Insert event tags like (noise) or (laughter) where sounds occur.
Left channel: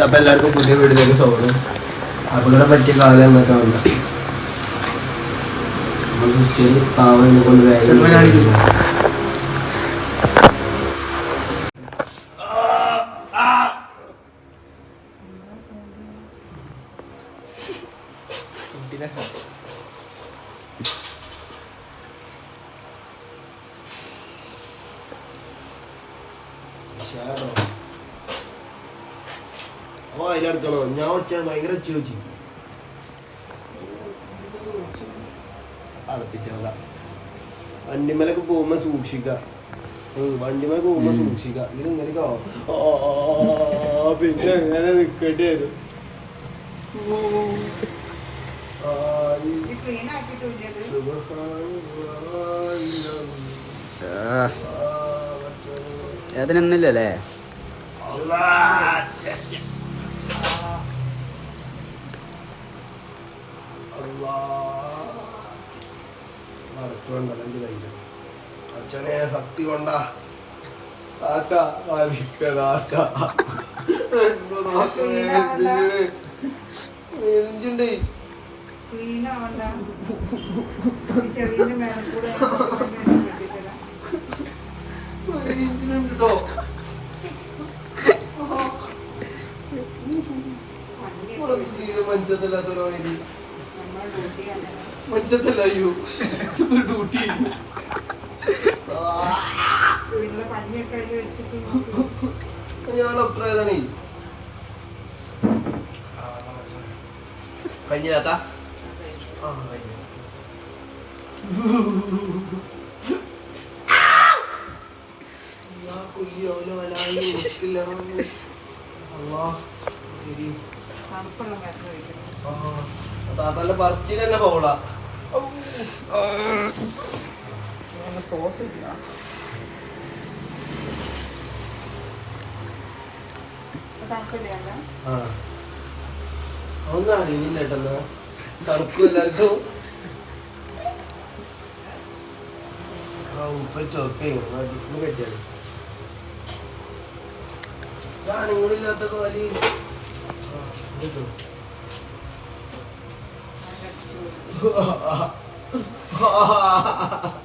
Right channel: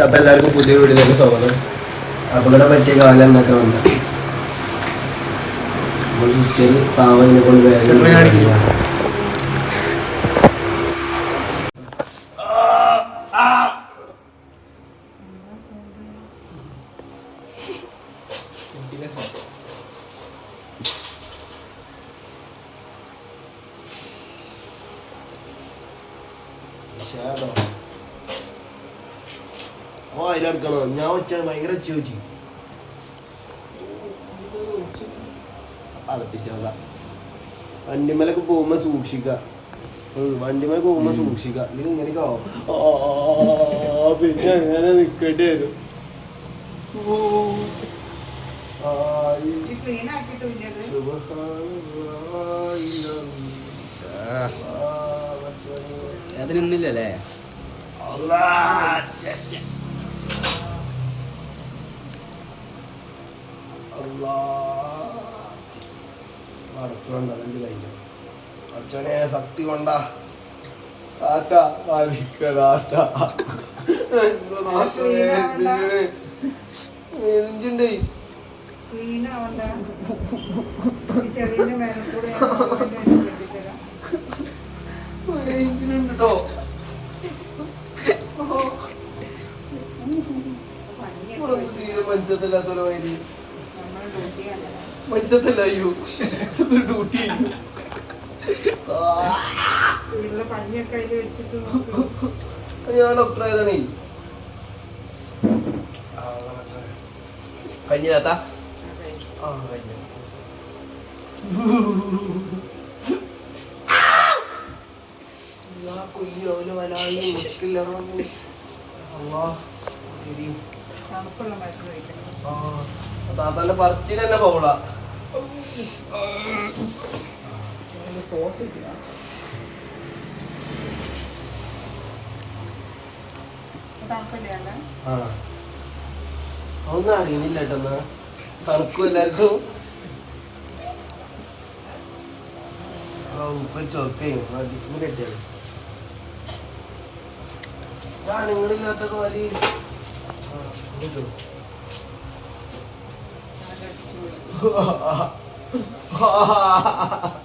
അപ്പൊ എല്ലാവർക്കും പുതിയ വീട്ടിലേക്ക് സ്വാഗതം. അപകടം പറ്റിയ കാലം എന്നൊക്കെ വന്ന? പാവനെ കൊണ്ട് വേഗം (laughs) ഓ അതിലെടുക്കണോ ഞാൻ ഉച്ച ഭയങ്കര ചോദിച്ചു അളപ്പിച്ചോക്ക വണ്ടിമേലൊക്കെ പോകുമ്പോ സൂക്ഷിക്ക. വണ്ടിമേൽ പോകുമ്പോ സൂക്ഷിക്ക. പിന്നെ അങ്ങനെ നിക്കേണ്ടി വരും. ഓ. ഈ അതിനൊന്നുമില്ലല്ലേ അച്ഛനെ ശക്തി കൊണ്ട കാക്ക കാക്ക എന്തിന്റെ റേഞ്ചിനുണ്ടോ തീരെ മനസ്സിലാത്തൊരു വൈദ്യുതി മനസ്സിലല്ല അയ്യോ. ഡ്യൂട്ടി പഞ്ഞൊക്കെ വെച്ചിട്ട് ഞാൻ അഭിപ്രായതാണേ കഴിഞ്ഞാത്ത ആ കഴിഞ്ഞു. ഞാൻ കൊയ്യോലോ അലായി ഇരിക്കില്ല താത്താന്റെ ഒന്നും അറിയില്ല ചൊറപ്പിയാണ് കെട്ടിയാണ് ഞാൻ Betul. Ha. Ha. Ha. Ha. Ha.